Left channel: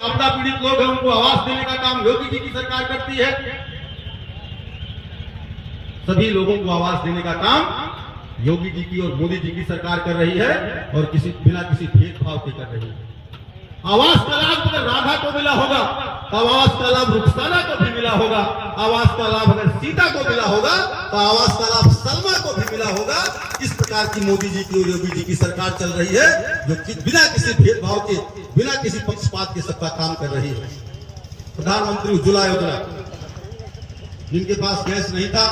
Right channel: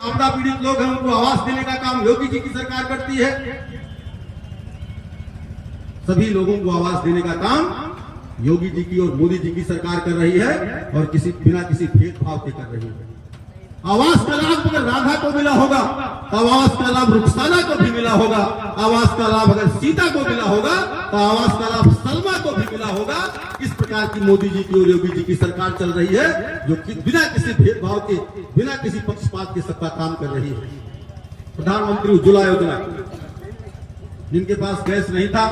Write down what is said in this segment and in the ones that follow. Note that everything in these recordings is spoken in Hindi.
आपदा पीड़ित लोग हैं उनको आवास देने का काम योगी जी की सरकार करती है। सभी लोगों को आवास देने का काम योगी जी की और मोदी जी की सरकार कर रही है और बिना किसी भेदभाव के कर रही है। आवास का लाभ अगर राधा को मिला होगा, आवास का लाभ रुखसाना को भी मिला होगा, आवास का लाभ अगर सीता को मिला होगा तो आवास का लाभ सलमा को भी मिला होगा। इस प्रकार की मोदी जी की और योगी जी की सरकार चल रही है जो बिना किसी भेदभाव के, बिना किसी पक्षपात के सबका काम कर रही है। प्रधानमंत्री उज्ज्वला योजना, जिनके पास गैस नहीं था,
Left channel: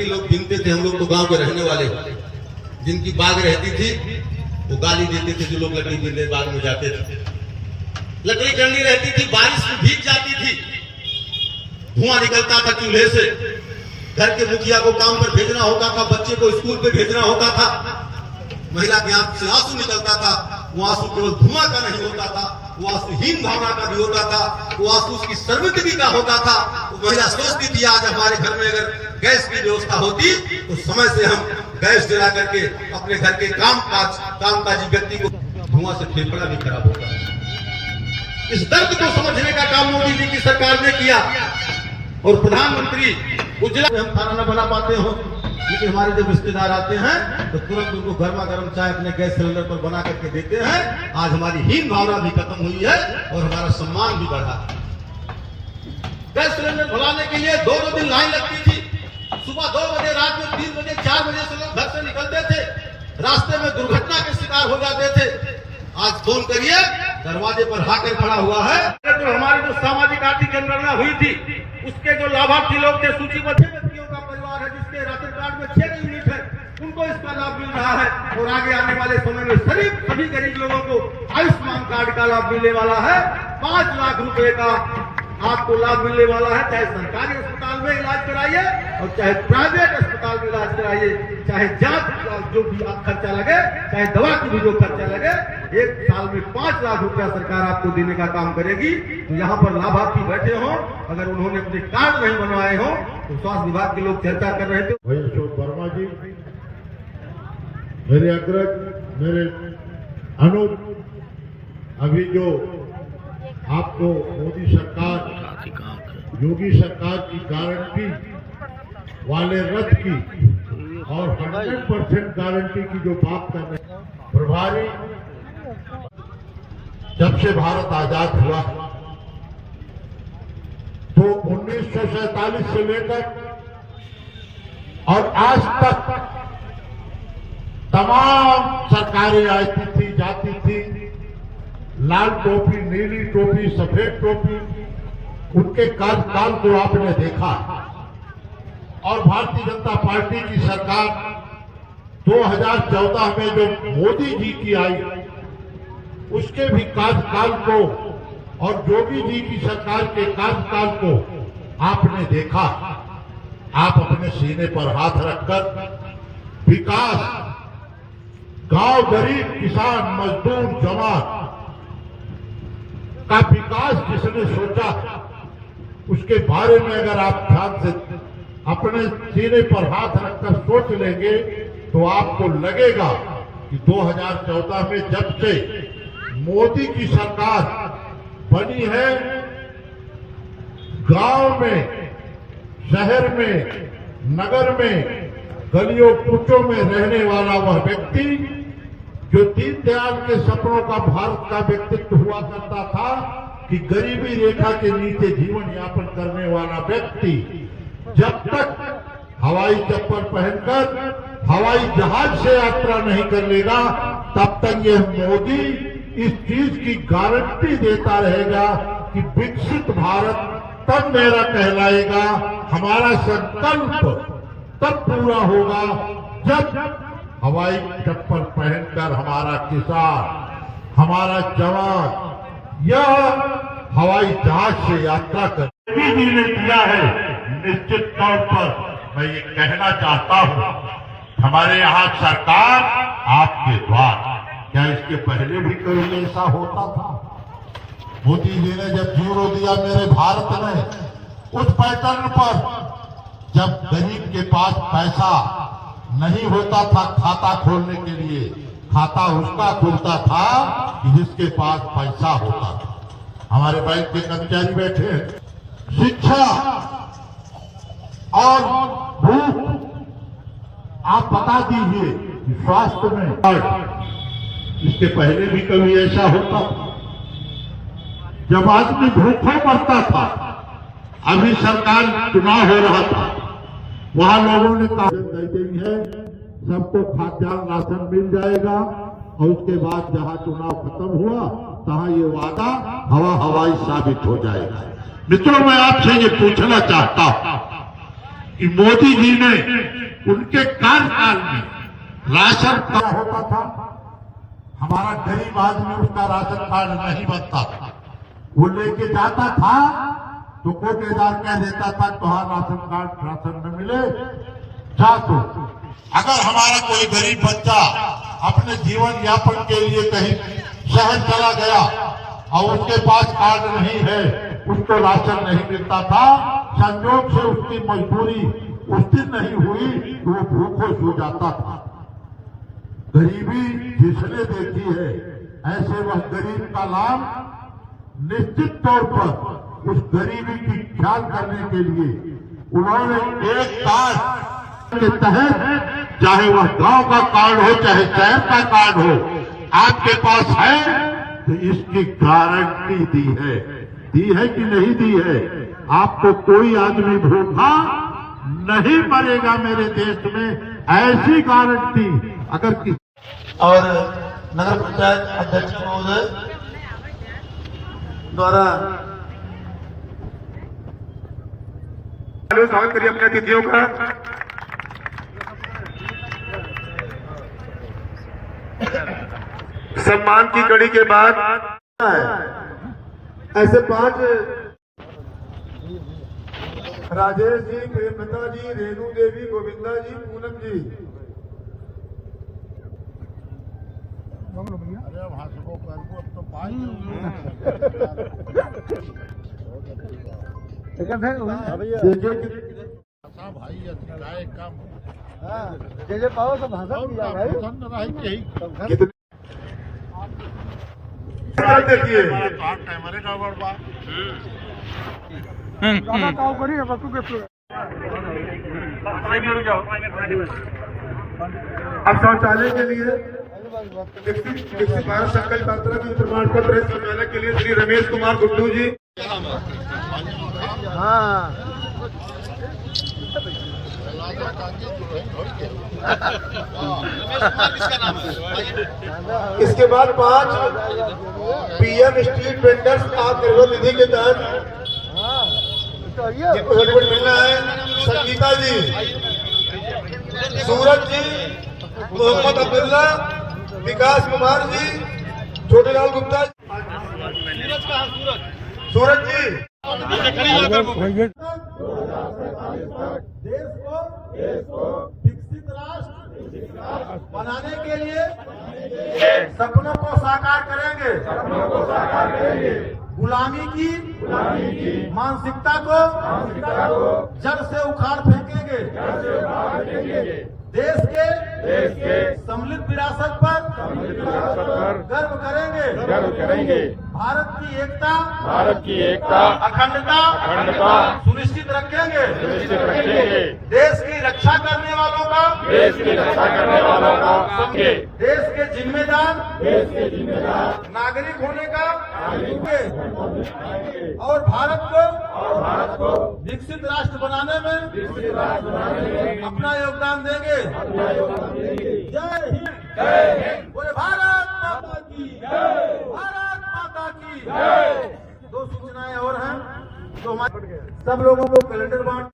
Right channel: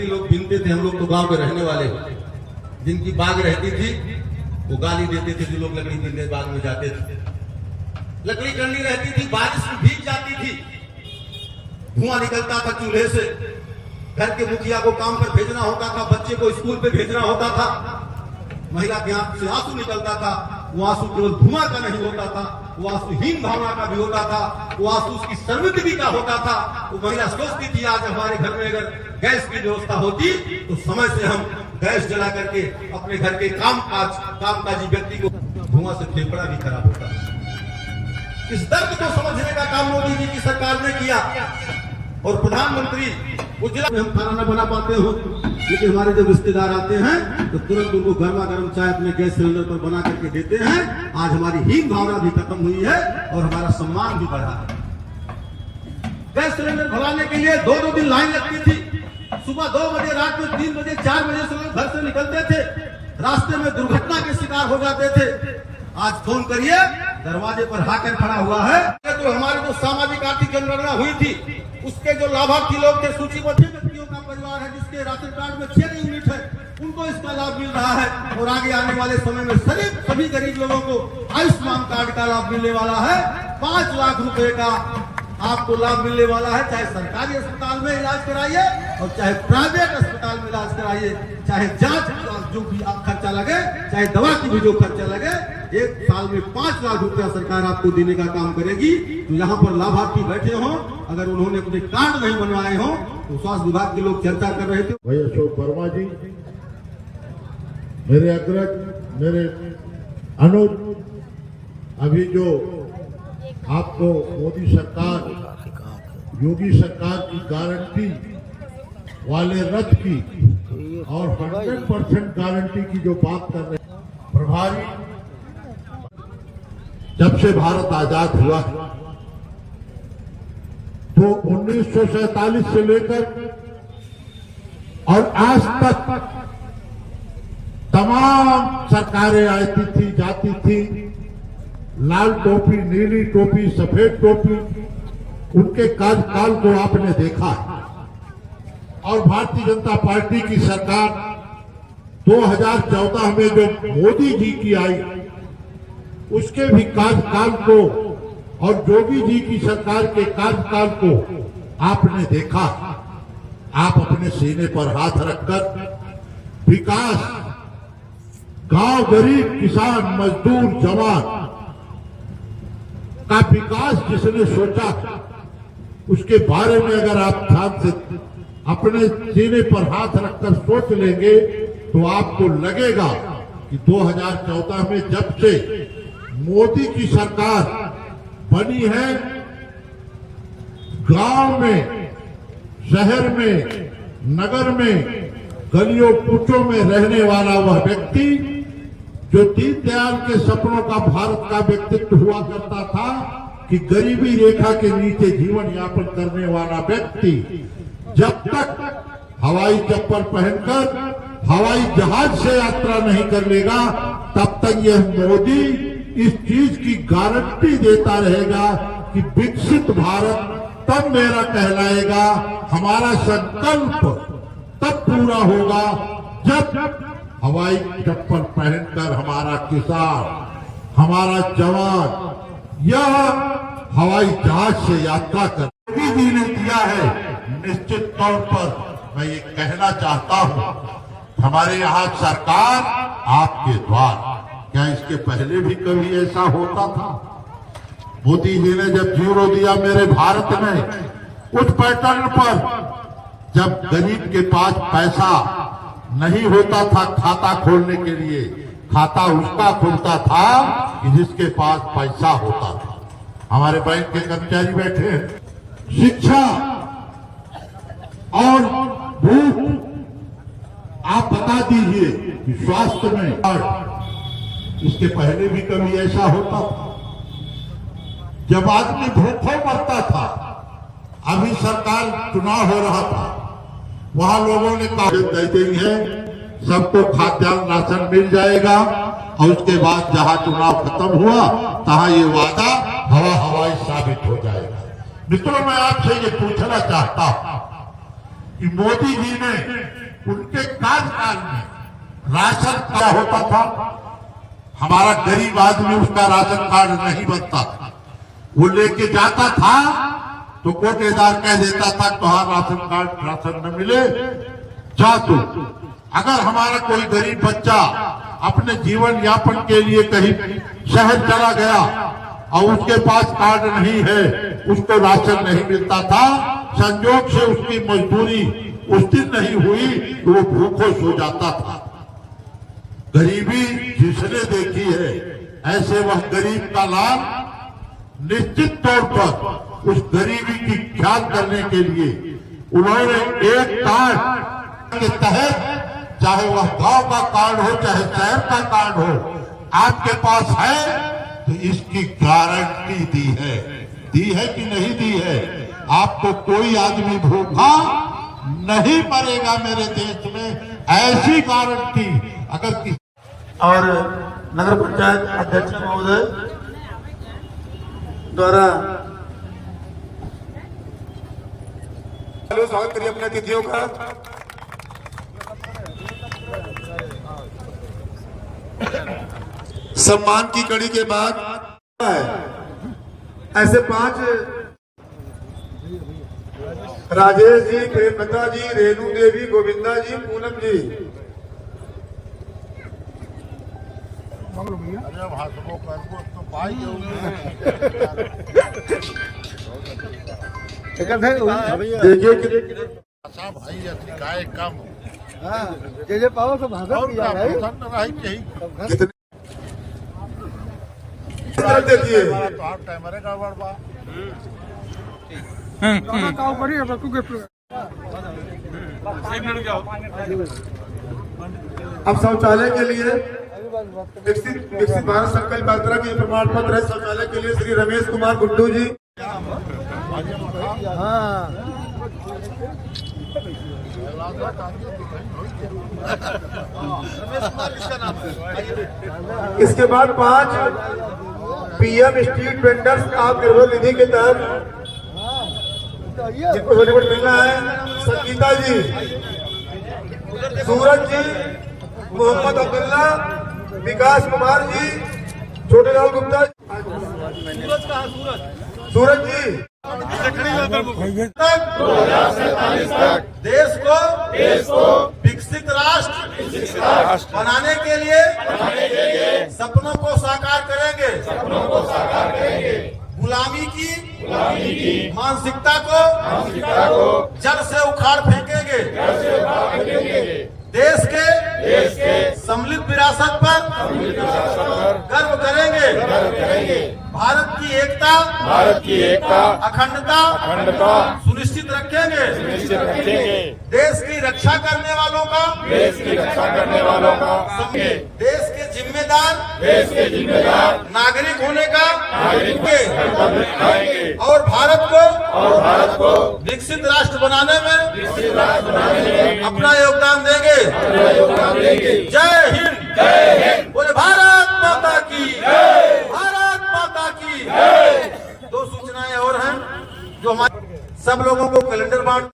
लोग गिनते थे, हम लोग तो गांव में रहने वाले, जिनकी बाग रहती थी वो गाली देते थे जो लोग लकड़ी गिरने बाग में जाते थे। लकड़ी गंदी रहती थी, बारिश में भीग जाती थी, धुआं निकलता था चूल्हे से, घर के मुखिया को काम पर भेजना होता था, बच्चे को स्कूल पे भेजना होता था, महिला के आंख से आंसू निकलता था। वो आंसू केवल धुआं का नहीं होता था, वो आंसू हीन भावना का भी होता था, वो आंसू उसकी सर्वस्वी का होता था। वो महिला सोचती थी आज हमारे घर में अगर गैस की व्यवस्था होती तो समय से हम गैस जला करके अपने घर के कामकाजी व्यक्ति को, धुआं से फेफड़ा भी खराब होता है। इस दर्द को समझने का काम मोदी जी की सरकार ने किया। और प्रधानमंत्री उज्ज्वला, हम खाना न बना पाते हो लेकिन हमारे जब रिश्तेदार आते हैं तो तुरंत उनको गर्मा गर्म चाय अपने गैस सिलेंडर पर बना करके देते हैं। आज हमारी हीन भावना भी खत्म हुई है और हमारा सम्मान भी बढ़ा है। गैस सिलेंडर भराने के लिए 2-2 दिन लाइन लगती थी। सुबह 2 बजे, रात में 3 बजे, 4 बजे से लोग घर से निकलते थे, रास्ते में दुर्घटना के शिकार हो जाते थे। आज फोन करिए, दरवाजे पर हाकर खड़ा हुआ है। तो हमारी जो सामाजिक आर्थिक जनगणना हुई थी उसके जो लाभार्थी लोग थे, सूचीबद्ध व्यक्तियों का परिवार है जिसके राशन कार्ड में 6 यूनिट है, उनको इसका लाभ मिल रहा है। और आगे आने वाले समय में सभी गरीब लोगों को आयुष्मान कार्ड का लाभ मिलने वाला है। 5 लाख रुपए का आपको लाभ मिलने वाला है। चाहे सरकारी अस्पताल में इलाज कराइए और चाहे प्राइवेट अस्पताल में इलाज कराइए, चाहे जांच जो भी खर्चा लगे, चाहे दवा की भी जो खर्चा लगे, 1 साल में 5 लाख रुपया सरकार आपको देने का काम करेगी। तो यहाँ पर लाभार्थी बैठे हों, अगर उन्होंने अपने कार्ड नहीं बनवाए हों तो स्वास्थ्य विभाग के लोग चर्चा कर रहे थे। भाई अशोक वर्मा जी, मेरे अग्रज, मेरे अनुज, अभी जो आपको मोदी सरकार, योगी सरकार की गारंटी वाले रथ की और 100% गारंटी की जो बात कर रहे हैं, प्रभारी, जब से भारत आजाद हुआ तो 1947 से लेकर और आज तक तमाम सरकारें आती थी, जाती थी, लाल टोपी, नीली टोपी, सफेद टोपी, उनके कार्यकाल को आपने देखा। और भारतीय जनता पार्टी की सरकार 2014 में जो मोदी जी की आई उसके भी कार्यकाल को और योगी जी की सरकार के कार्यकाल को आपने देखा। आप अपने सीने पर हाथ रखकर विकास, गांव, गरीब, किसान, मजदूर, जवान का विकास जिसने सोचा उसके बारे में अगर आप ध्यान से अपने सीने पर हाथ रखकर सोच लेंगे तो आपको लगेगा कि 2014 में जब से मोदी की सरकार बनी है, गांव में, शहर में, नगर में, गलियों कूचों में रहने वाला वह व्यक्ति जो दीनदयाल के सपनों का भारत का व्यक्तित्व हुआ करता था कि गरीबी रेखा के नीचे जीवन यापन करने वाला व्यक्ति जब तक हवाई चप्पल पहनकर हवाई जहाज से यात्रा नहीं कर लेगा तब तक यह मोदी इस चीज की गारंटी देता रहेगा कि विकसित भारत तब मेरा कहलाएगा, हमारा संकल्प तब पूरा होगा जब हवाई चप्पल पहनकर हमारा किसान, हमारा जवान यह हवाई जहाज से यात्रा कर मोदी जी ने दिया है। निश्चित तौर पर मैं ये कहना चाहता हूँ, हमारे यहाँ सरकार आपके द्वार, क्या इसके पहले भी कभी ऐसा होता था? मोदी जी ने जब जीरो दिया मेरे भारत में, उस पैटर्न पर जब गरीब के पास पैसा नहीं होता था खाता खोलने के लिए, खाता उसका खुलता था कि जिसके पास पैसा होता था। हमारे बैंक के कर्मचारी बैठे हैं। शिक्षा और भूख आप बता दीजिए कि स्वास्थ्य में इसके पहले भी कभी ऐसा होता था जब आदमी भूखों मरता था। अभी सरकार चुनाव हो रहा था, वहां लोगों ने कहा दे देंगे, सबको खाद्यान्न राशन मिल जाएगा और उसके बाद जहां चुनाव खत्म हुआ तहां ये वादा हवा हवाई साबित हो जाएगा। मित्रों, मैं आपसे ये पूछना चाहता हूं कि मोदी जी ने उनके कार्यकाल में राशन क्या होता था? हमारा गरीब आदमी उसका राशन कार्ड नहीं बनता था। वो लेके जाता था तो कोटेदार कह देता था तुहार राशन कार्ड राशन न मिले जा तू। अगर हमारा कोई गरीब बच्चा अपने जीवन यापन के लिए कहीं शहर चला गया और उसके पास कार्ड नहीं है, उसको राशन नहीं मिलता था, संजोग से उसकी मजदूरी उस दिन नहीं हुई तो वो भूखों सो जाता था। गरीबी जिसने देखी है ऐसे वह गरीब का लाभ निश्चित तौर पर उस गरीबी की ख्याल करने के लिए उन्होंने एक कार्ड के तहत, चाहे वह गांव का कार्ड हो चाहे शहर का कार्ड हो, आपके पास है तो इसकी गारंटी दी है कि नहीं दी है? आपको कोई आदमी भूखा नहीं मरेगा मेरे देश में, ऐसी गारंटी अगर और नगर पंचायत अध्यक्ष महोदय द्वारा स्वागत करिए अपने अतिथियों का। सम्मान की कड़ी के बाद ऐसे 5 राजेश जी, प्रेमलता जी, रेणु देवी, गोविंदा जी, पूनम जी। देखिए भाई गाय कम पाओ तो देखिए कैमरे का बड़वा अब शौचालय के लिए विकसित भारत संकल्प यात्रा की प्रमाण पत्र है। शौचालय के लिए श्री रमेश कुमार गुड्डू जी। इसके बाद 5 PM street vendors Atmanirbhar Nidhi के तहत जिनको सर्टिफिकेट मिलना है, संगीता जी, सूरज जी, मोहम्मद अब्दुल्ला, विकास कुमार जी, छोटेलाल गुप्ता, सूरज जी। देश को विकसित राष्ट्र बनाने के लिए सपनों को साकार करेंगे। गुलामी की मानसिकता को जड़ से उखाड़ फेंकेंगे। देश के सम्मिलित विरासत पर गर्व करेंगे। भारत की एकता अखंडता सुनिश्चित रखेंगे। देश की रक्षा करने वालों का समझे। देश के जिम्मेदार नागरिक होने का और भारत को विकसित राष्ट्र बनाने में अपना योगदान देंगे। जय हिंद। बोले भारत माता की। भारत माता की। 2 सूचनाएं और हैं जो हमारे सब लोगों को कैलेंडर बांट